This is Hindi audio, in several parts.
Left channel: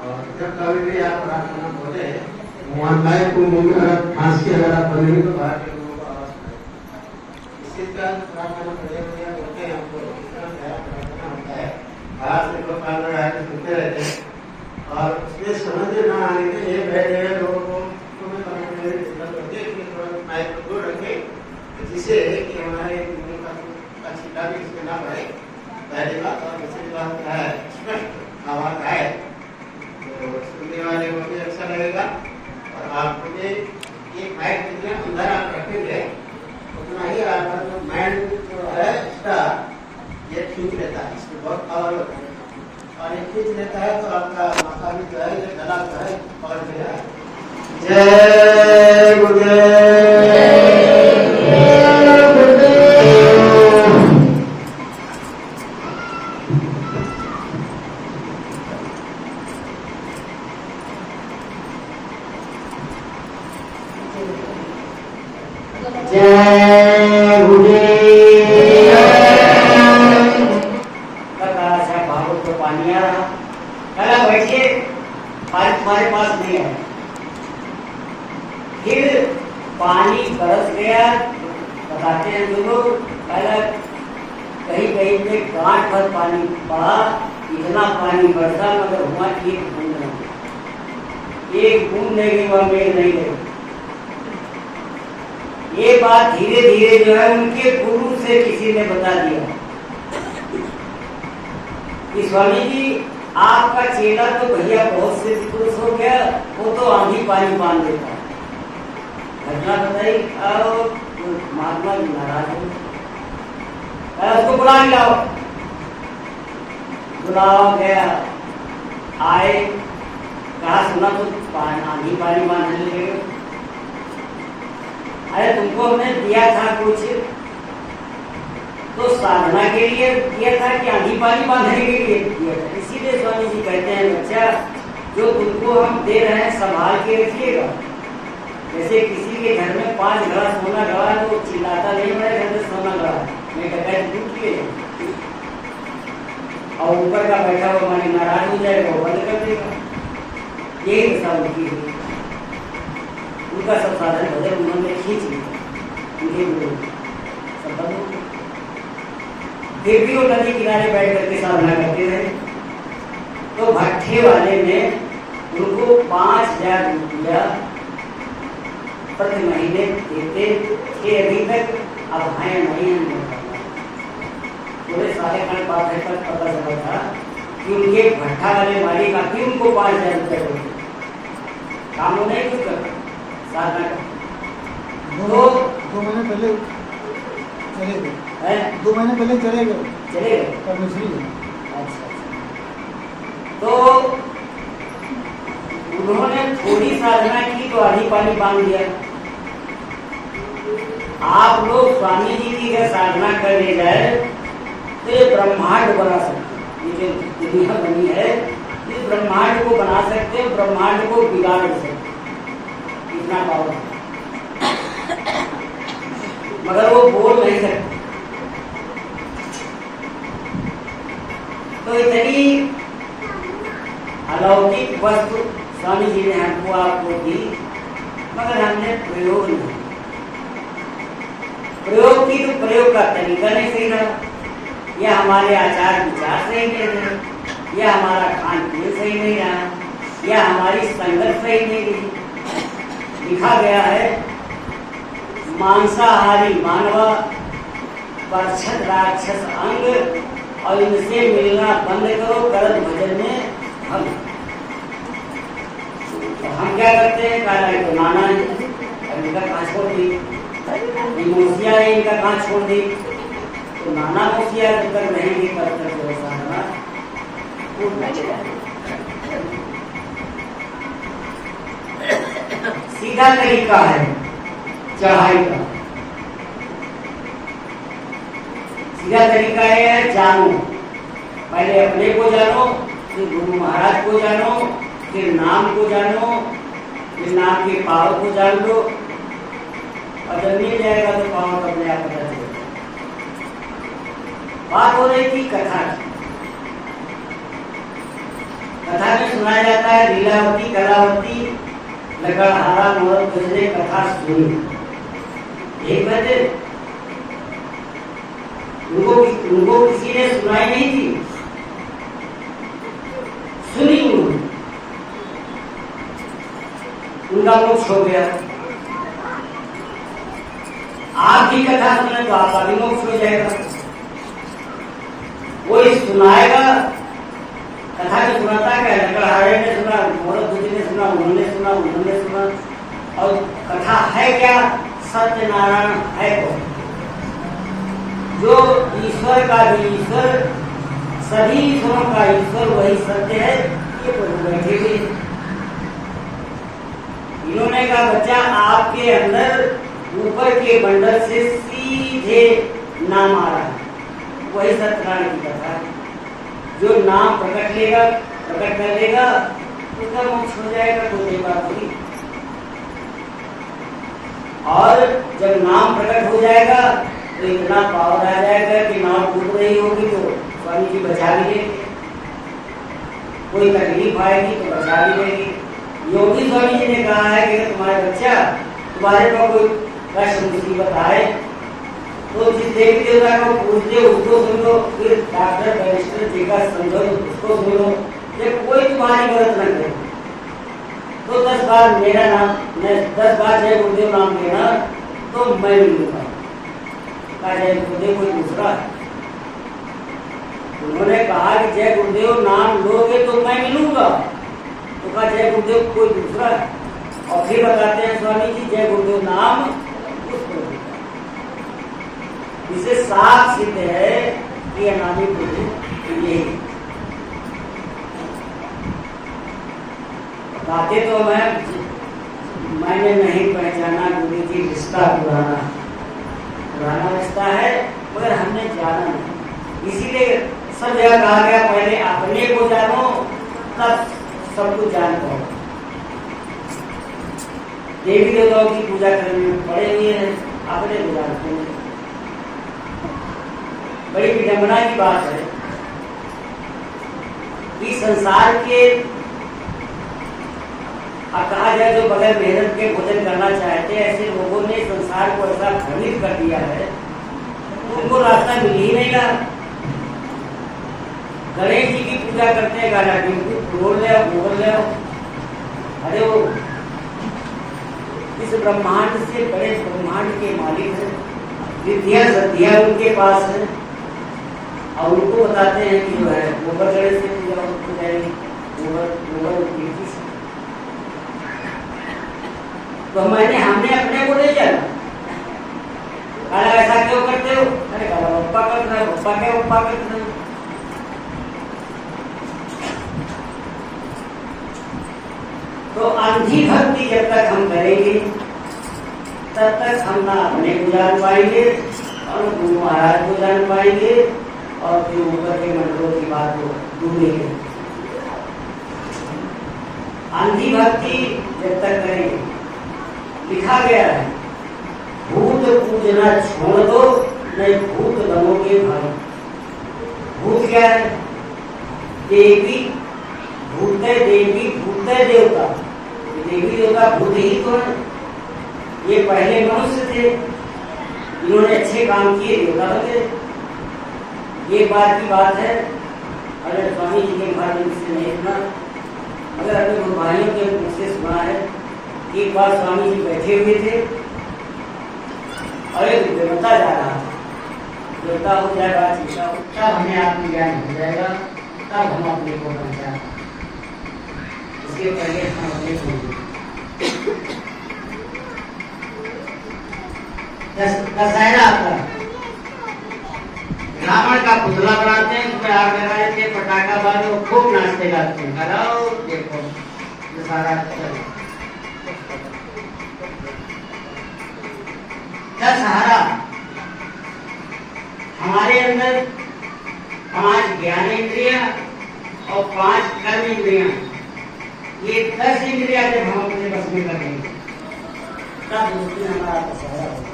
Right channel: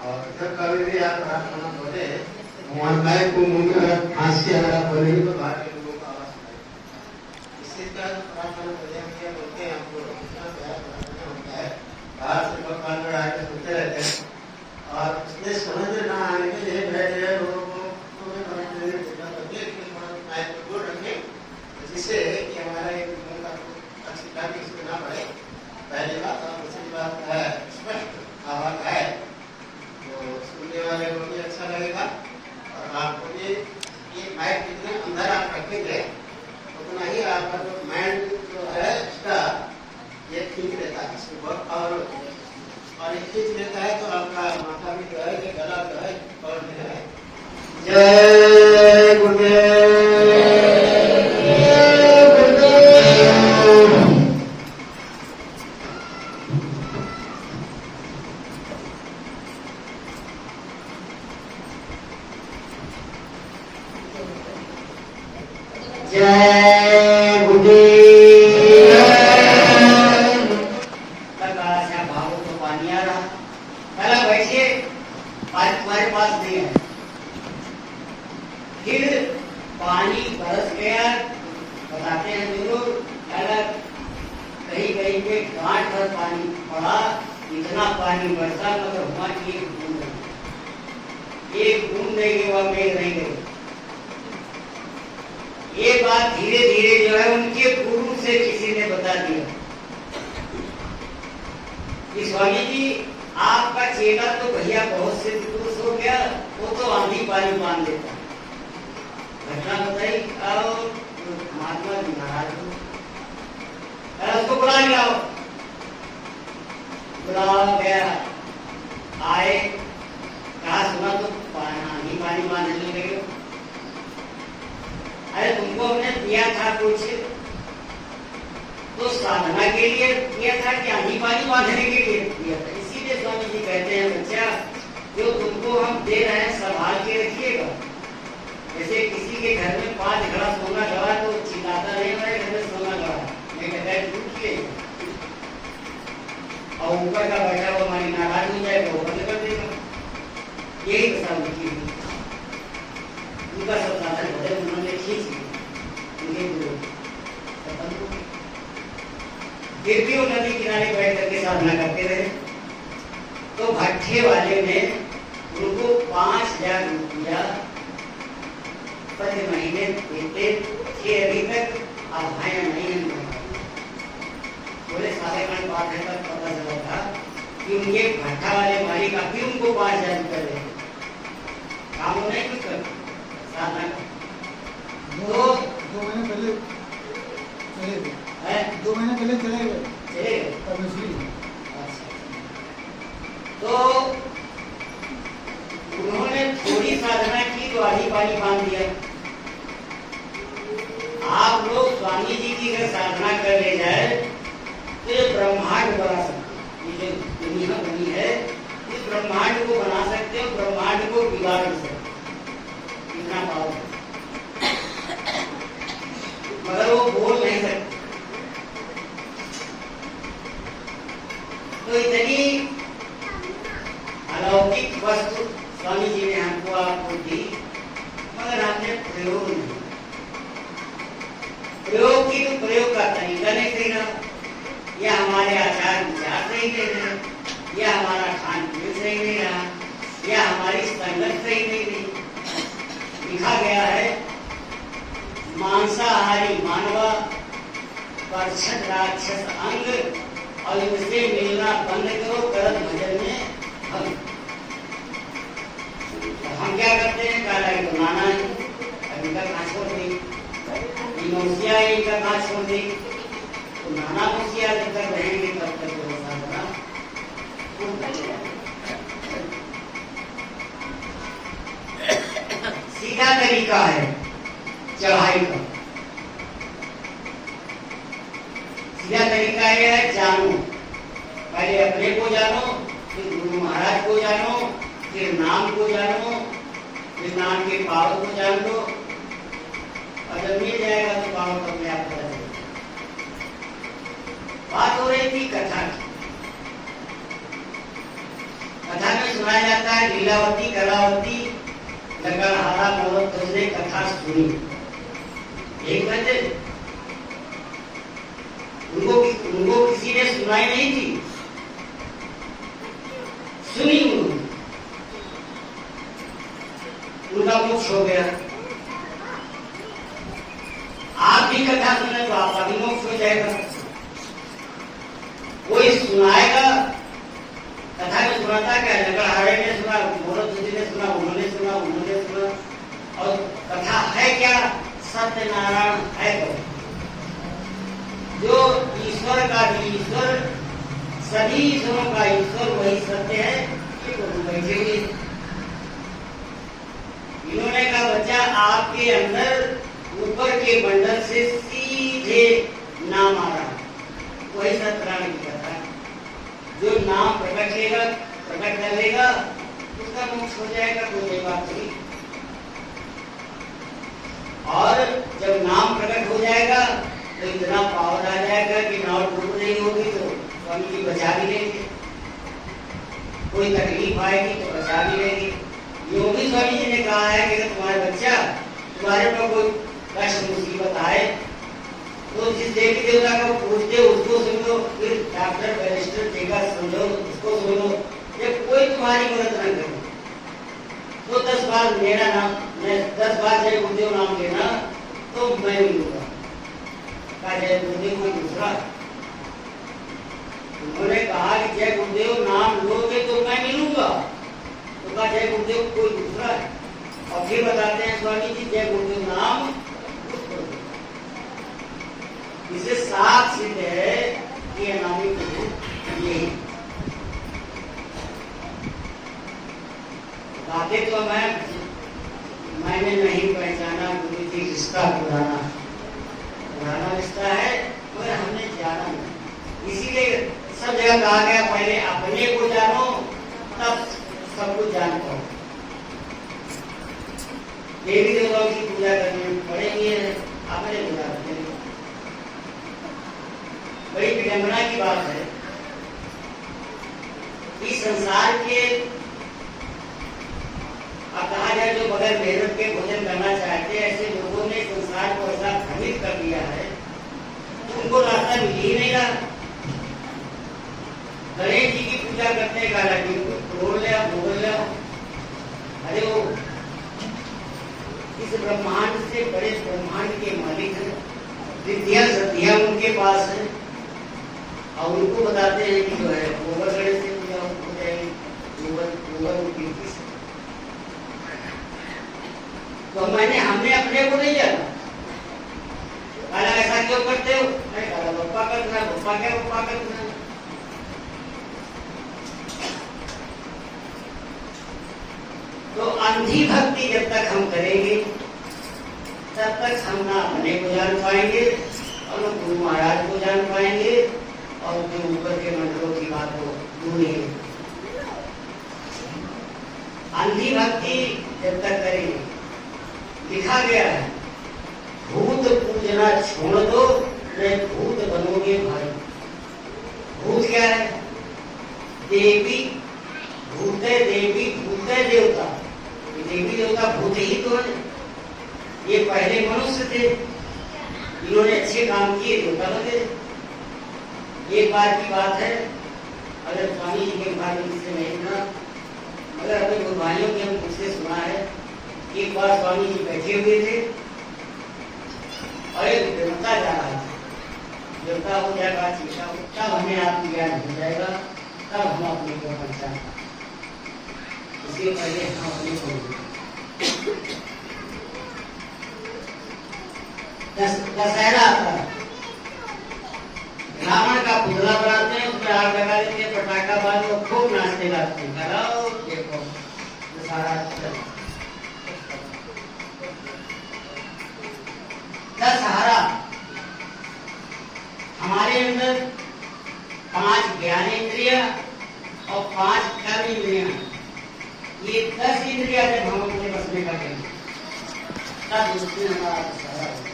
और जब कभी भी आप प्रार्थना बोले मोहल्लाए को मुंह में अगर खांसी अगर आप बोलेंगे तो बाहर के लोगों को आवाज आएगी। इसी तरह प्रार्थना बोलते हैं हमको प्रार्थना होता है, बाहर से लोग कान में आके सुनते रहते हैं और उसमें समझ न आने के लिए बैठे हुए लोगों को दूर रखे, जिससे कि हमारे अच्छी काफी इसमें ना बढ़े। पहली बात और दूसरी बात क्या है, स्पष्ट आवाज है तो सुनने वाले को भी अच्छा लगेगा। और आप मुझे एक लाइट जितना अंदर आप रखेंगे उतना ही आपका जो माइंड जो है इसका ये खींच लेता है, इसमें बहुत पावर होता है और ये खींच लेता है तो आपका माथा भी जो है जो गला जो है और जो है। जय गुरुदेव। जय गुरुदेव। भागवत तो पानी आ रहा, पहला बैठिए, तुम्हारे पास नहीं है। फिर पानी बरस गया, बताते हैं जो लोग, पहला कहीं कहीं पे गांठ भर पानी पड़ा, इतना पानी बरसा मगर हुआ कि एक बूंद नहीं, एक बूंद नहीं हुआ, मेघ नहीं गई। ये बात धीरे धीरे जो है उनके गुरु से किसी ने बता दिया कि स्वामी जी आपका चेला तो भैया बहुत से पुरुष हो गया, वो तो आंधी पानी बांध देता है। घटना बताई और महात्मा जी नाराज हो, उसको बुला लाओ। बुलाओ गया, आए, कहा सुना तो आंधी पानी बांधने लगे। अरे तुमको हमने दिया था कुछ तो साधना के लिए दिया था कि आंधी पानी बांधने के लिए दिया था। इसीलिए स्वामी जी कहते हैं बच्चा जो तुमको हम दे रहे हैं संभाल के रखिएगा। जैसे किसी के घर में 5 घड़ा सोना गड़ा तो चिल्लाता नहीं, मेरे घर में सोना गड़ा है, मैं कहता है टूट के, और ऊपर का बैठा हुआ मालिक नाराज हो जाएगा, वो बंद कर देगा। यही दशा उनकी है, उनका सब साधन भजन उन्होंने खींच लिया, सब बंद हो गया। फिर भी वो नदी किनारे बैठ करके साधना करते रहे। तो भट्ठे वाले ने उनको 5000 रुपया प्रति महीने देते थे अभी तक। अब है नहीं, पूरे सारे खंड पाठ तक पता चला था कि उनके भट्ठा वाले मालिक का भी उनको 5000 रुपया देते, काम नहीं कुछ करते, साधना करते। 2 महीने पहले चले गए, 2 महीने पहले चले गए परमेश्वरी। अच्छा, तो उन्होंने थोड़ी साधना की तो आधी पानी बांध दिया। आप लोग स्वामी जी की अगर साधना कर ले जाए तो ये ब्रह्मांड बना सकते, ये जो दुनिया बनी है इस ब्रह्मांड को बना सकते हो, ब्रह्मांड को बिगाड़ सकते, इतना पावर, मगर वो बोल नहीं सकते। तो इतनी अलौकिक वस्तु स्वामी जी ने हमको आपको दी, मगर हमने प्रयोग नहीं, प्रयोग की तो प्रयोग का तरीका नहीं सही रहा, या हमारे आचार विचार सही नहीं रहे, या हमारा खान पीन सही नहीं रहा, या हमारी संगत सही नहीं रही। लिखा गया है मांसाहारी मानव परछत राक्षस अंग, और इनसे मिलना बंद करो, करत भजन में हम। तो हम क्या करते हैं, काला को नाना है, इनका कहाँ छोड़ दी, मोसिया है, इनका कहाँ छोड़ दी, तो नाना मोसिया जब तक रहेंगे तब तक साधना सीधा तरीका है चढ़ाई का। सीधा तरीका है जानो, पहले अपने को जानो, फिर गुरु महाराज को जानो, फिर नाम को जानो, फिर नाम के पावर को जान लो, और जब मिल जाएगा तो पावर अपने आप पता चलेगा। बात हो रही थी कथा की। कथा में सुनाया जाता है लीलावती कलावती लकड़हारा मोहन ने कथा सुनी। एक बजे उनको किसी ने सुनाई नहीं थी, सुनी उनका मोक्ष हो गया। आप भी कथा सुने तो आपका भी मोक्ष हो जाएगा। वही सुनाएगा, कथा में सुनाता क्या, लकड़हारे ने सुना, मोहन ने सुना, उन्होंने सुना, और कथा है क्या, सत्यनारायण है कौन? जो ईश्वर का भी ईश्वर, सभी ईश्वरों का ईश्वर वही सत्य है। ये बैठे हुए इन्होंने कहा बच्चा आपके अंदर ऊपर के मंडल से सीधे नाम आ रहा है, वही सत्यनारायण की कथा है। जो नाम प्रकट कर लेगा उसका मोक्ष हो जाएगा, कोई बात नहीं। और जब नाम प्रकट हो जाएगा तो इतना पावर आ जाएगा कि नाव डूब रही होगी तो स्वामी जी बचा भी लेंगे, कोई तकलीफ आएगी तो बचा भी लेंगे। योगी स्वामी जी ने कहा है कि तुम्हारे बच्चा तुम्हारे पर कोई कष्ट मुसीबत आए तो जिस देवी देवता को पूछते उसको सुनो, फिर डॉक्टर बैरिस्टर जी का समझो उसको सुनो। जब कोई तुम्हारी मदद न करे तो 10 बार मेरा नाम, मैं 10 बार जय गुरुदेव नाम लेना तो मैं मिलूंगा। जय गुरुदेव कोई दूसरा, उन्होंने कहा कि जय गुरुदेव नाम लोगे तो मैं मिलूंगा, तो कहा जय गुरुदेव कोई दूसरा है। और फिर बताते हैं स्वामी जी जय गुरुदेव नाम उसको, इसे साफ सिद्ध है कि अनामी गुरु ये बातें तो मैंने नहीं पहचाना, गुरु जी रिश्ता पुराना रिश्ता है, मगर हमने जाना नहीं। इसीलिए सब जगह कहा गया पहले अपने को जानो तब सब कुछ जान पाओ। देवी देवताओं की पूजा करने में पड़े हुए हैं, अपने को जानते हैं। बड़ी विडंबना की बात है कि संसार के, अब कहा जाए जो बगैर मेहनत के भोजन करना चाहते हैं, ऐसे लोगों ने संसार को ऐसा भ्रमित कर दिया है तो उनको रास्ता मिल ही नहीं रहा। गणेश जी की पूजा करते हैं, गाना तोड़ ले बोल ले, अरे वो इस ब्रह्मांड से बड़े ब्रह्मांड के मालिक हैं, विद्या सद्या उनके पास है, और उनको बताते हैं कि जो है गोबर गणेश से पूजा हो जाएगी, गोबर उपयोगी से। तो हमने अपने को नहीं जाना, गाना ऐसा क्यों करते हो, अरे गाना बप्पा कर रहा है, बप्पा क्या बप्पा कर रहा है। तो अंधी भक्ति जब तक हम करेंगे तब तक हम ना अपने को जान पाएंगे और गुरु महाराज को जान पाएंगे और फिर ऊपर के मंत्रों की बात को ढूंढेंगे। अंधी भक्ति जब तक करेंगे, लिखा गया है भूत पूजना छोड़ दो नहीं भूत बनोगे भाई। भूत क्या है, देवी भूत है, देवी भूत है, देवता, देवी देवता भूत ही तो है। ये पहले मनुष्य थे, इन्होंने अच्छे काम किए, देवता बने। ये बात की बात है, अगर स्वामी जी के बारे में किसी नहीं सुना, मगर अपने भाइयों के मुझसे सुना है। एक बार स्वामी जी बैठे हुए थे और एक देवता जा रहा था, देवता हो जाएगा चीजा, तब हमें आत्मज्ञान हो जाएगा, तब हम अपने को पहचान, इसके पहले हम अपने को। दशहरा आता है, रावण का पुतला बनाते हैं, उसमें आग लगा देते, पटाखा बांधो, खूब नाचते गाते हैं, कराओ देखो दशहरा चल। दशहरा हमारे अंदर 5 ज्ञानेंद्रिया और 5 कर्मेंद्रिया, ये 10 इंद्रिया जब हम अपने बस में करेंगे तब उसमें हमारा दशहरा होगा।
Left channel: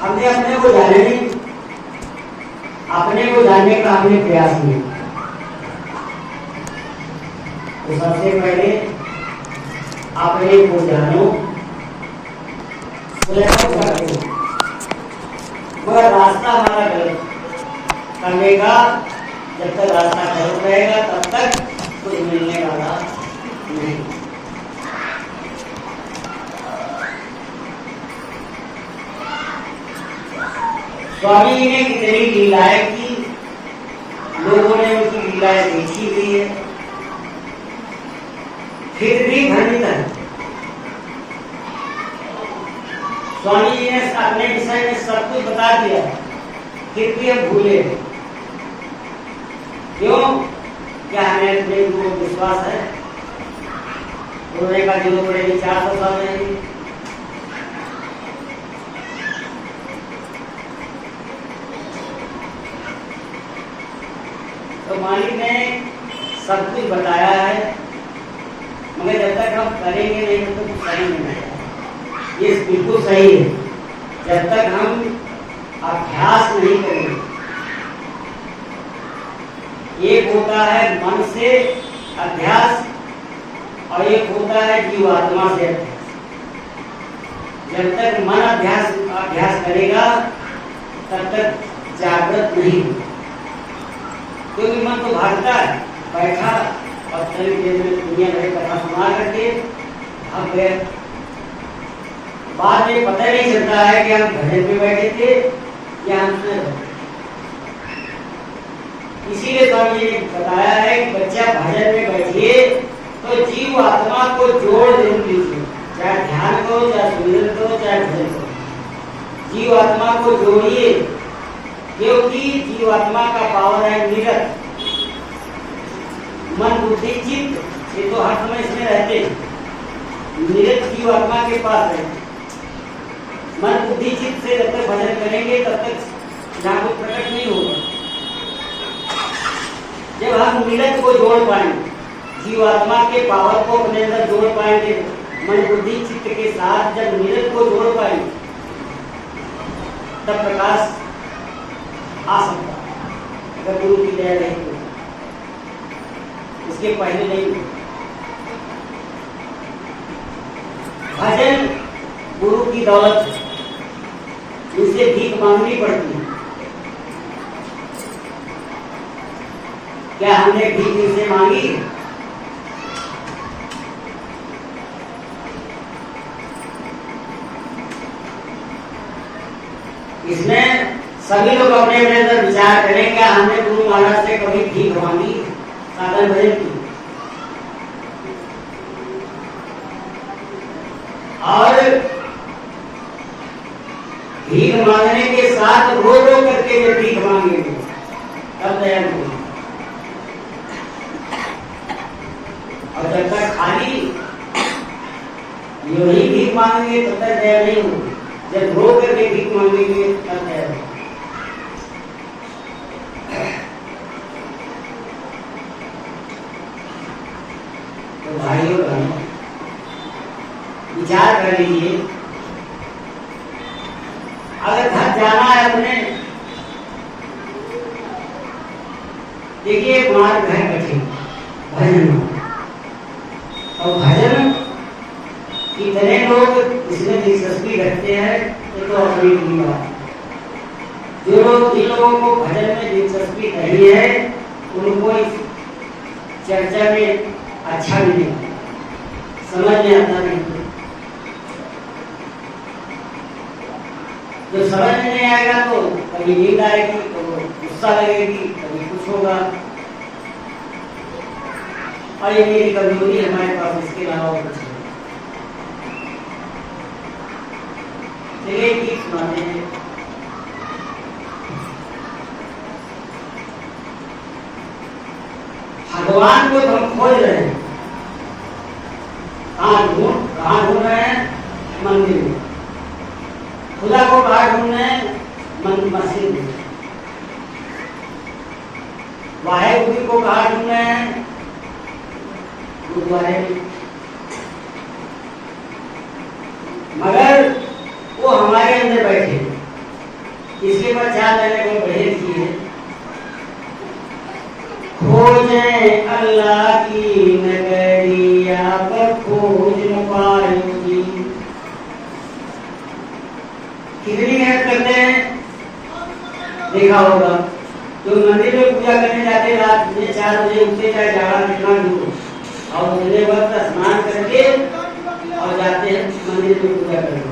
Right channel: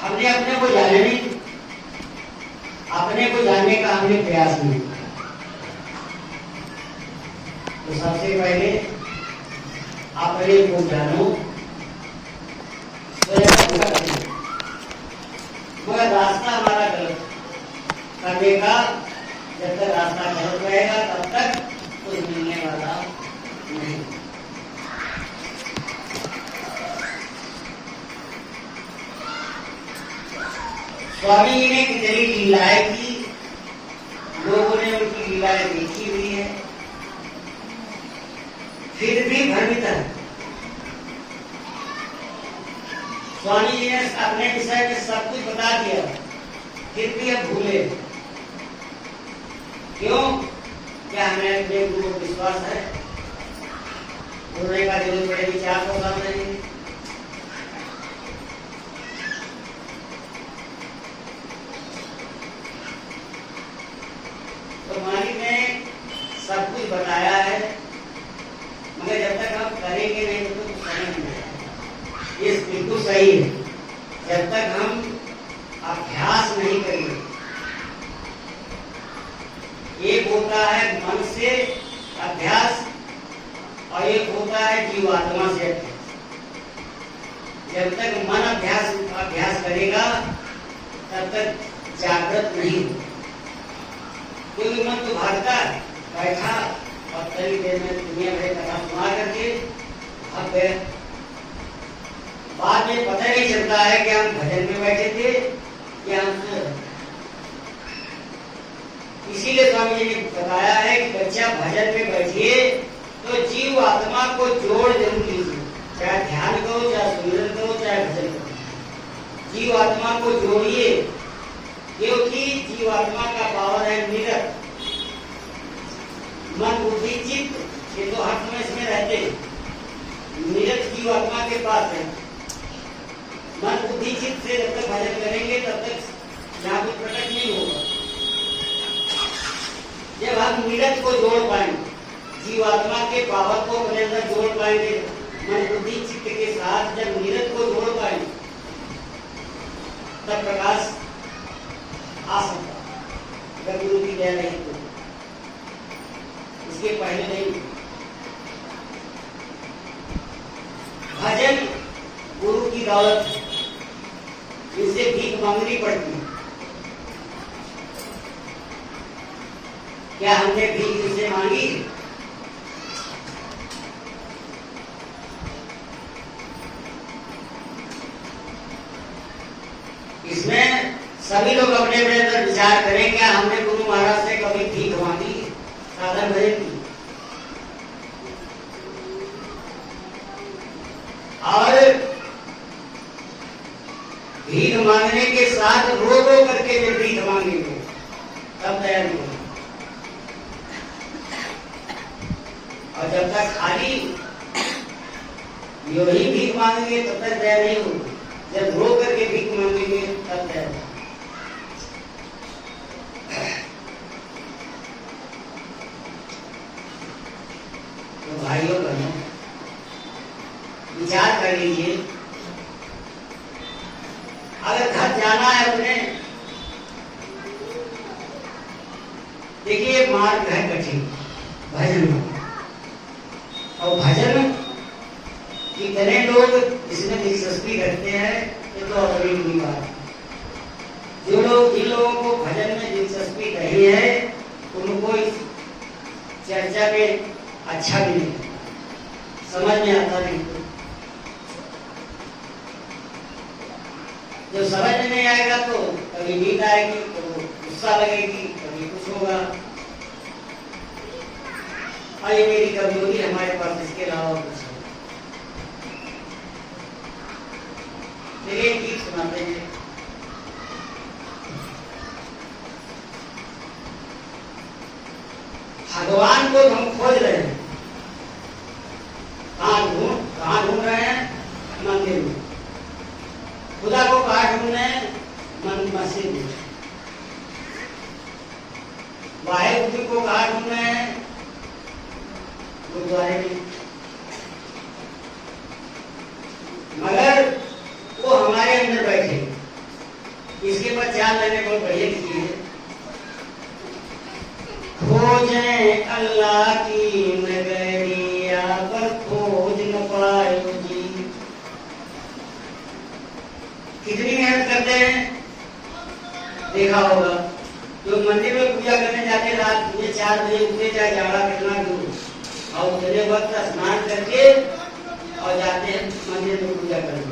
हमने अपने को जाने नहीं, अपने को जानने का हमने प्रयास किया। तो सबसे पहले अपने को जानो, स्वयं करो, मगर रास्ता हमारा गलत करने का। जब तक रास्ता गलत रहेगा तब तक कुछ मिलने वाला नहीं। स्वामी जी ने कितनी लीलाएं की, लोगों ने उनकी लीलाएं देखी हुई है, फिर भी भ्रमित है। स्वामी जी ने अपने विषय में सब कुछ बता दिया, फिर भी हम भूले। क्यों? क्या हमें अपने गुरु को विश्वास है? बोलने का जो बड़े विचार तो सब नहीं। तो मालिक ने सब कुछ बताया है, मगर जब तक हम करेंगे नहीं तो कुछ समझ नहीं आएगा। ये बिल्कुल सही है। जब तक हम अभ्यास नहीं करेंगे, एक होता है मन से अभ्यास और एक होता है जीवात्मा से अभ्यास। जब तक मन अभ्यास करेगा तब तक जागृत नहीं, क्योंकि मन तो भागता है, बैठा और थोड़ी देर में दुनिया भर कथा सुना करके भाग गए। बाद में पता नहीं चलता है कि हम भजन में बैठे थे या हम सुन रहे थे। इसीलिए स्वामी जी ने बताया है कि बच्चा भजन में बैठिए तो जीव आत्मा को जोड़ जरूर लीजिए, चाहे ध्यान करो, चाहे सुमिरन करो, चाहे भजन करो। जीव आत्मा को जोड़िए, क्योंकि जीवात्मा का पावर है निरत। मन बुद्धि चित्त ये तो हर समय इसमें रहते हैं। निरत जीवात्मा के पास है। मन बुद्धि चित्त से जब तक भजन करेंगे तब तक यहाँ कुछ प्रकट नहीं होगा। जब हम निरत को जोड़ पाएंगे, जीवात्मा के पावर को अपने अंदर जोड़ पाएंगे, मन बुद्धि चित्त के साथ जब निरत को जोड़ पाएंगे तब प्रकाश आ सकता, अगर गुरु की दया रही तो। इसके पहले नहीं। भजन गुरु की दौलत है, इनसे भीख मांगनी पड़ती है। क्या हमने भीख इनसे मांगी? इसमें सभी लोग अपने अपने अंदर विचार करें, क्या हमने गुरु महाराज से कभी भीख मांगी साधन भजन की? और भीख मांगने के साथ रो रो करके वे भीख मांगेंगे तब दया नहीं। और जब तक खाली यही भीख मांगेंगे तब तक दया नहीं होगी। जब रो करके भीख मांगेंगे तब दया होगी। तो भाइयों बहनों, विचार कर लीजिए, अगर घर जाना है अपने, देखिए मार्ग है कठिन भजन। और भजन कितने लोग इसमें दिलचस्पी रखते हैं ये तो अपनी बात है। जो लोग जिन लोगों को भजन में दिलचस्पी नहीं है उनको इस चर्चा में अच्छा भी नहीं, समझ में आता नहीं। जो समझ में नहीं आएगा तो कभी नींद आएगी, तो गुस्सा लगेगी, कभी कुछ होगा। और ये मेरी कमजोरी है हमारे पास, इसके अलावा कुछ नहीं। चलिए गीत सुनाते हैं। भगवान को हम खोज रहे हैं, कहाँ ढूंढ रहे हैं? मंदिर में। खुदा को कहाँ ढूंढ रहे हैं? मस्जिद में। वाहेगुरु को कहाँ ढूंढ रहे हैं? गुरुद्वारे में। मगर वो हमारे अंदर बैठे, इसके बाद ध्यान देने को बढ़े दिए खोजें अल्लाह की नगरिया पर खोज न पायो जी। कितनी मेहनत करते हैं देखा होगा। तो मंदिर में पूजा करने जाते रात में 4 बजे उठते चाहे जाड़ा कितना दूर और उठने वक्त स्नान करके और जाते हैं मंदिर में पूजा करने।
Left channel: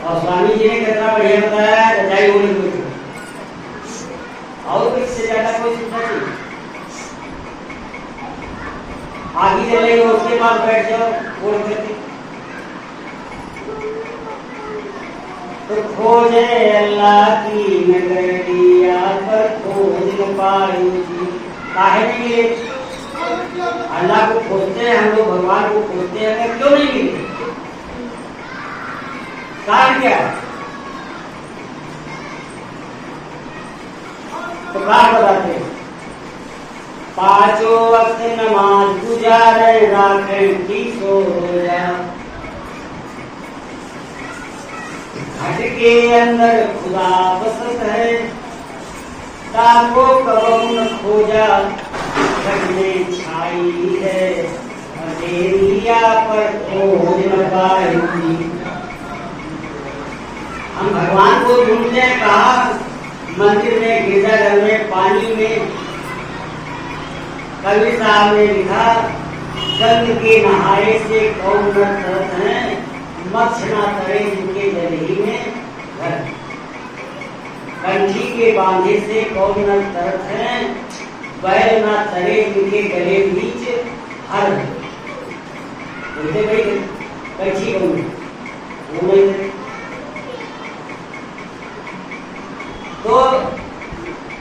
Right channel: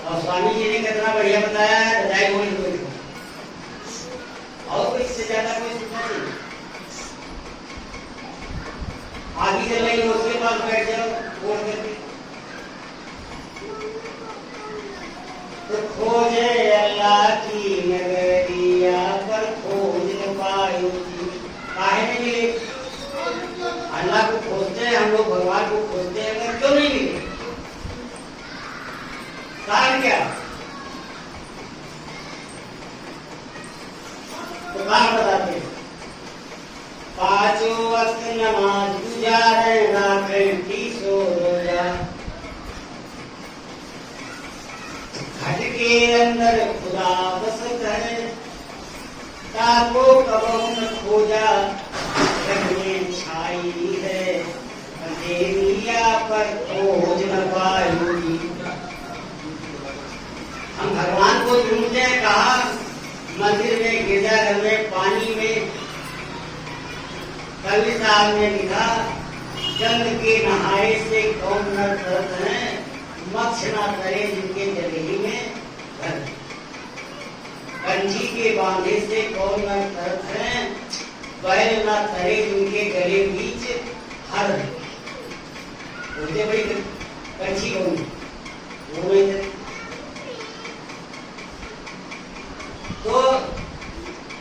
और स्वामी जी ने कितना बढ़िया बताया रजाई ओढ़ के और इससे ज्यादा कोई चिंता नहीं। आगे चल रही हो उसके पास बैठ जाओ ओढ़ करके। तो खोजे अल्लाह की नगरिया पर खोज न पायो जी। काहे नहीं मिले? अल्लाह को खोजते हैं हम लोग, भगवान को खोजते हैं, क्यों नहीं मिले? कारण क्या है? तो कारण बताते हैं। 5 वक्त नमाज गुजारे राखें की सोया, घट के अंदर खुदा बसत है, ताको कबू न खोजा, घर में छाई है, अंधेरिया पर खोज न पाई। हम भगवान को ढूंढते हैं कहा? मंदिर में, गिरजाघर में, पानी में। कवि साहब ने लिखा, गंग के नहाए से कौन न तरत है, मक्ष ना तरे जिनके गले में घर। कंची के बांधे से कौन न तरत है, बैल ना तरे जिनके गले बीच हर। बोलते भाई कंची कौन है? वो नहीं तरे। तो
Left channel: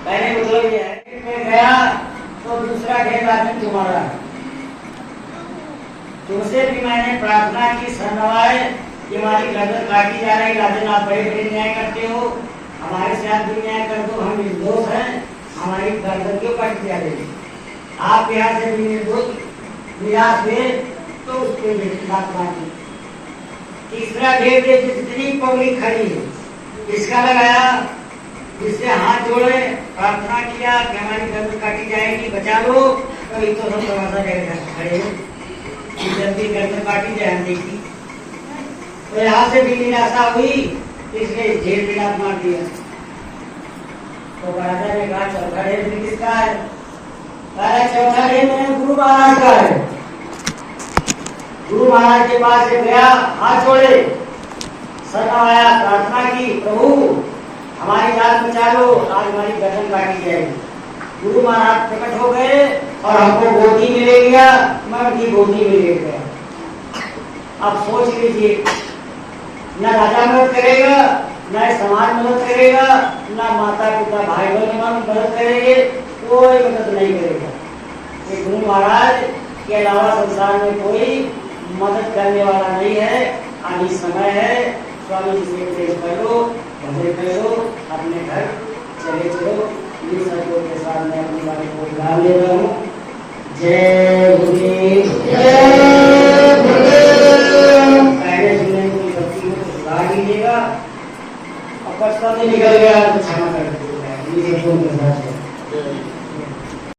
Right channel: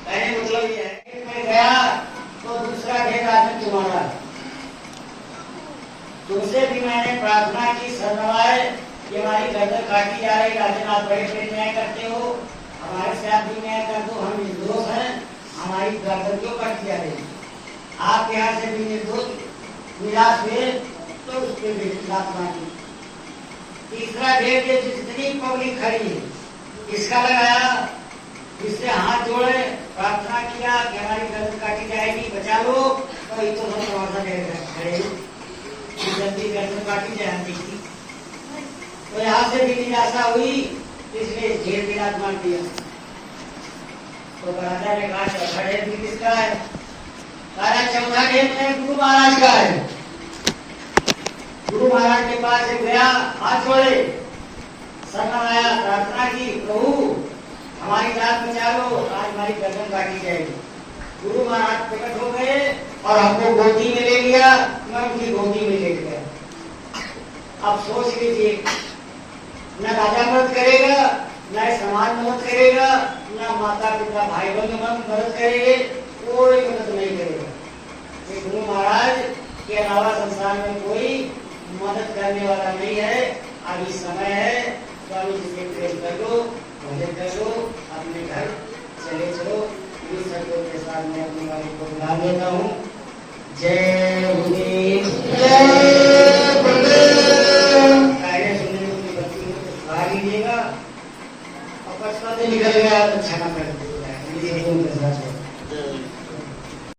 पहले मतलब ये है, मैं गया तो दूसरा ढेर आदमी तुम्हारा है। तुमसे भी मैंने प्रार्थना की सरनवाए कि हमारी गर्दन काटी जा रही, राजन आप बड़े बड़े न्याय करते हो, हमारे साथ भी न्याय कर दो, हम निर्दोष हैं, हमारी गर्दन क्यों काटी जा रही? आप यहाँ से भी निर्दोष निराश हुए तो उस पर लात मारी। तीसरा ढेर जितनी पब्लिक खड़ी है इसका लगाया, जिससे हाथ जोड़े प्रार्थना किया कि हमारी गर्दन काटी जाएगी, बचा लो, तो एक तो हम दरवाजा खड़े जल्दी गर्दन काटी जाए देखी। तो यहाँ से भी निराशा हुई, इसलिए जेल में लात मार दिया। तो राजा ने कहा चौथा ढेर भी किसका है? कहा चौथा ढेर में गुरु महाराज का है। गुरु महाराज के पास गया, हाथ जोड़े, सरनवाया, प्रार्थना की, प्रभु हमारी जान बचा लो, आज हमारी गर्दन काटी जाएगी। गुरु महाराज प्रकट हो गए और हमको गोदी में ले लिया, मैं उनकी गोदी में ले गया। अब सोच लीजिए, न राजा मदद करेगा, न समाज मदद करेगा, न माता पिता भाई बहन मदद करेंगे, कोई मदद नहीं करेगा। ये गुरु महाराज के अलावा संसार में कोई मदद करने वाला नहीं है। अभी समय है, स्वामी जी से उपदेश कर लो, भजन कर लो, अपने घर चले चलो। इन शब्दों के साथ मैं अपने वाले को बुला ले रहा हूँ। जय गुरु।